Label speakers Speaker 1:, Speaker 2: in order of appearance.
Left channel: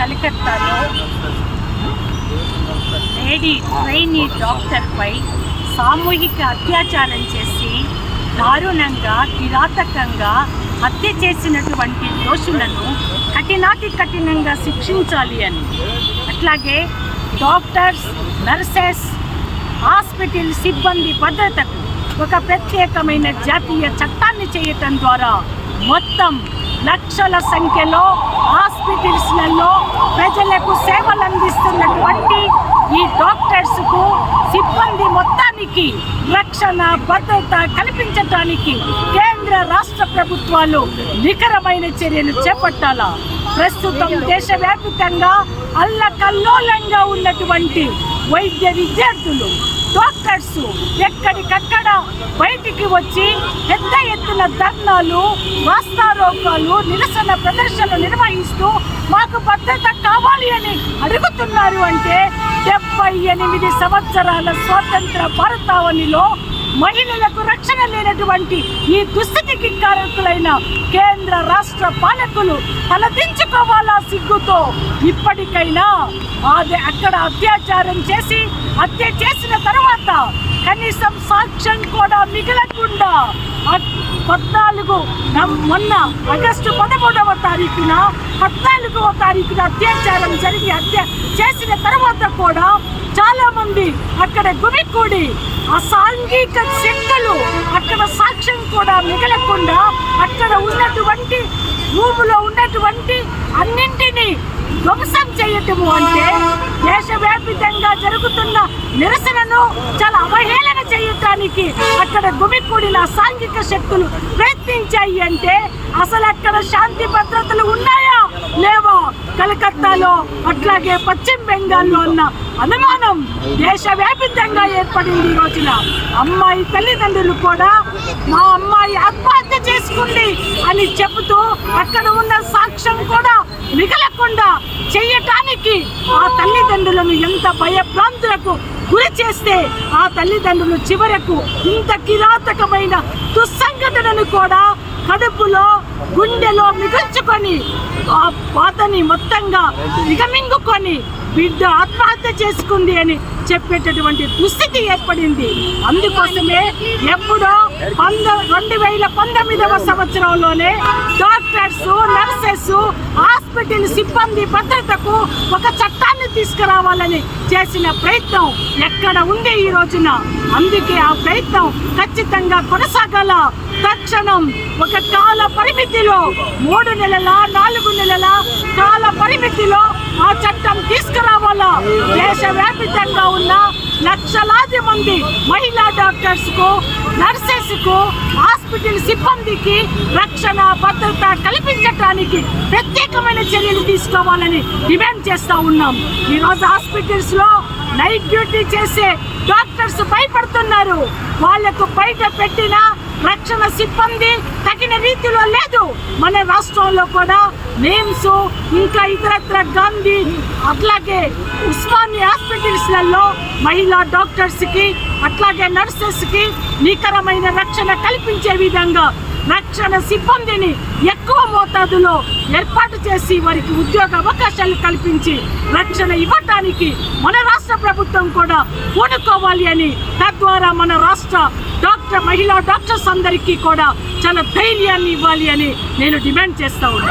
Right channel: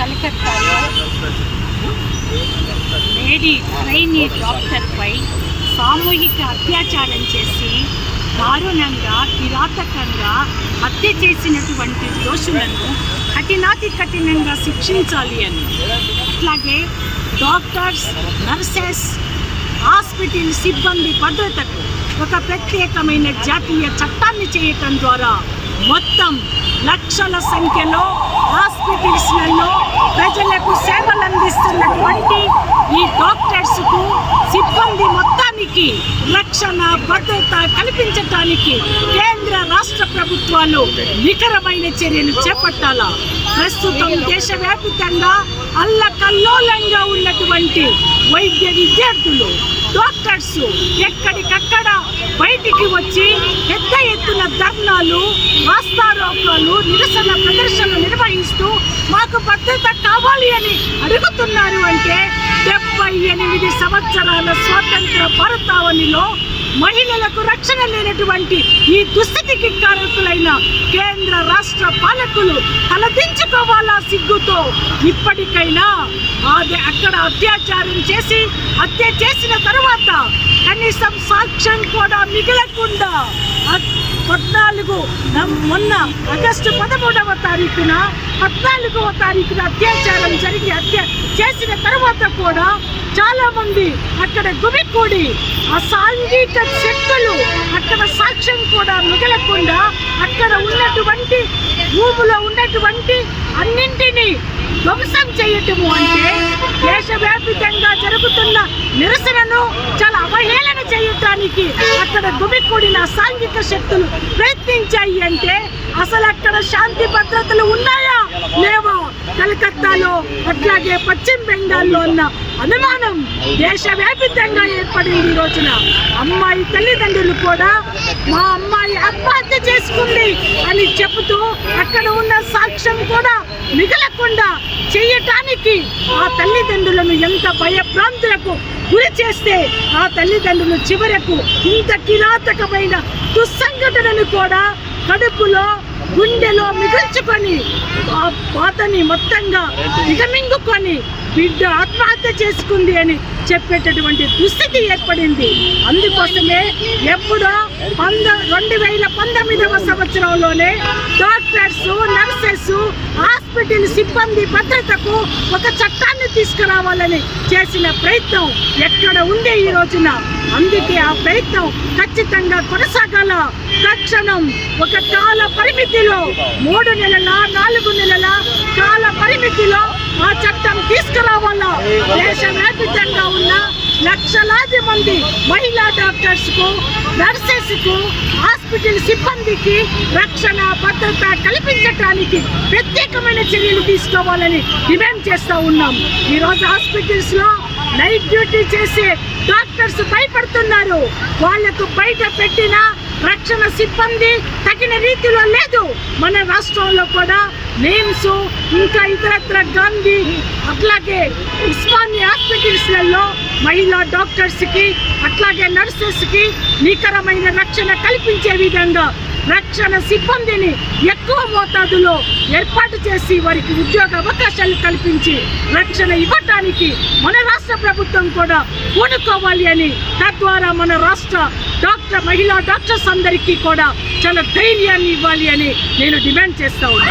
Speaker 1: కలకత్తాలో. Lady trainee డాక్టర్పై సామూహిక అత్యాచారం చేసి దారుణంగా కిరాతకంగా హత్య చేసినటువంటి దోషులను కఠినాతి కఠినంగా శిక్షించాలి అని. అట్లాగే డాక్టర్స్ నర్సెస్ హాస్పిటల్ సిబ్బంది భద్రతకు ఒక ప్రత్యేకమైన జాతీయ చట్టాన్ని చేయటం ద్వారా మొత్తం లక్షల సంఖ్యలో హాస్పిటల్స్లలో ప్రజలకు సేవలు అందిస్తున్నటువంటి ఈ డాక్టర్స్కు సిబ్బంది మొత్తానికి రక్షణ భద్రత కల్పించటానికి కేంద్ర రాష్ట్ర ప్రభుత్వాలు నికరమైన చర్యలు చేపట్టాలా? ప్రస్తుతం దేశవ్యాప్తంగా అల్లకల్లోలంగా ఉన్నటువంటి వైద్య విద్యార్థులు డాక్టర్స్ ఎక్కడికక్కడ బయటికి వచ్చి పెద్ద ఎత్తున ధర్నాలు రాస్తారోకాలు నిరసన ప్రదర్శనలు నిర్వహిస్తూ మాకు భద్రత కావాలి అని అడుగుతున్నారు అంటే డెబ్బై ఎనిమిది సంవత్సరాల స్వాతంత్ర భారతావనిలో మహిళలకు రక్షణ లేనటువంటి ఈ దుస్థితికి కారకులైన కేంద్ర రాష్ట్ర పాలకులు తలదించుకోవాలా సిగ్గుతో ఇప్పటికైనా అది అక్కడ అత్యాచారం చేసి హత్య చేసిన తర్వాత కనీసం సాక్ష్యం కూడా మిగలకుండా పద్నాలుగు మొన్న ఆగస్టు పదమూడవ తారీఖున పద్నాలుగవ తారీఖున అత్యాచారం జరిగి హత్య చేసిన తర్వాత కూడా చాలా మంది అక్కడ గుమికూడి అసాంఘిక శక్తులు అక్కడ సాక్ష్యం కూడా మిగలకుండా అక్కడ ఉన్నటువంటి భూమిలో ఉన్నటువంటి అన్నింటినీ ధ్వంసం చేయటము అంటే దేశవ్యాపితంగా జరుగుతున్న నిరసనను చాలా అవహేళన చేయటానికి అక్కడ గుమికూడిన అసాంఘిక శక్తులు ప్రయత్నించాయి అంటే అసలు అక్కడ శాంతి భద్రతలు ఉన్నాయా లేవా? కలకత్తాలో అట్లాగే పశ్చిమ బెంగాల్లో ఉన్న అనుమానం దేశవ్యాపితంగా ఏర్పడింది ఈ రోజున. అమ్మాయి తల్లిదండ్రులు కూడా మా అమ్మాయి ఆత్మహత్య చేసుకుంది అని చెబుతూ అక్కడ ఉన్న సాక్ష్యం కూడా మిగలకుండా చెయ్యటానికి ఆ తల్లిదండ్రులను ఎంత భయభ్రాంతులకు గురి చేస్తే ఆ తల్లిదండ్రులు చివరకు ఇంత కిరాతకమైన దుస్సంఘటనను కూడా కడుపులో గుండెలో మిగుల్చుకొని ఆ పాతని మొత్తంగా దిగమింగుకొని బిడ్డ ఆత్మహత్య చేసుకుంది అని చెప్పేటటువంటి దుస్థితి ఏర్పడింది. అందుకోసమే ఎప్పుడో పంద రెండు వేల పంతొమ్మిదవ సంవత్సరంలోనే డాక్టర్స్ నర్సెస్ హాస్పిటల్ సిబ్బంది భద్రతకు ఒక చట్టాన్ని తీసుకురావాలని చేసిన ప్రయత్నం ఎక్కడ ఉంది ఈ రోజున? అందుకే ఆ ప్రయత్నం ఖచ్చితంగా కొనసాగాల. తక్షణం ఒక కాల పరిమితిలో మూడు నెలల నాలుగు నెలల కాల పరిమితిలో ఆ చట్టం తీసుకురావాలా దేశవ్యాప్తంగా ఉన్న లక్షలాది మంది మహిళా డాక్టర్స్కు నర్సెస్కు హాస్పిటల్ సిబ్బందికి రక్షణ భద్రత కల్పించడానికి ప్రత్యేకమైన చర్యలు తీసుకోవాలని డిమాండ్ చేస్తూ ఉన్నాం. ఈరోజు హాస్పిటల్స్లో నైట్ డ్యూటీ చేసే డాక్టర్స్ భయపడుతున్నారు. వాళ్ళకు బయట పెట్టిన రక్షణ సిబ్బంది తగిన రీతిలో లేదు. మన రాష్ట్రంలో కూడా నేమ్స్ ఇంకా ఇతరత్ర గాంధీ అట్లాగే ఉస్మానియా హాస్పిటల్స్లలో మహిళా డాక్టర్స్కి అట్లాగే నర్సెస్కి నికరమైన రక్షణ కల్పించే విధంగా రక్షణ సిబ్బందిని ఎక్కువ మోతాదులో ఏర్పాటు చేసి వారికి ఉద్యోగ అవకాశాలు కల్పించి రక్షణ ఇవ్వటానికి మన రాష్ట్ర ప్రభుత్వం కూడా పూనుకోవాలి అని తద్వారా మన రాష్ట్ర డాక్టర్ మహిళా డాక్టర్స్ అందరికీ కూడా చాలా ధైర్యాన్ని ఇవ్వాలి అని నేను డిమాండ్ చేస్తా ఉన్నాను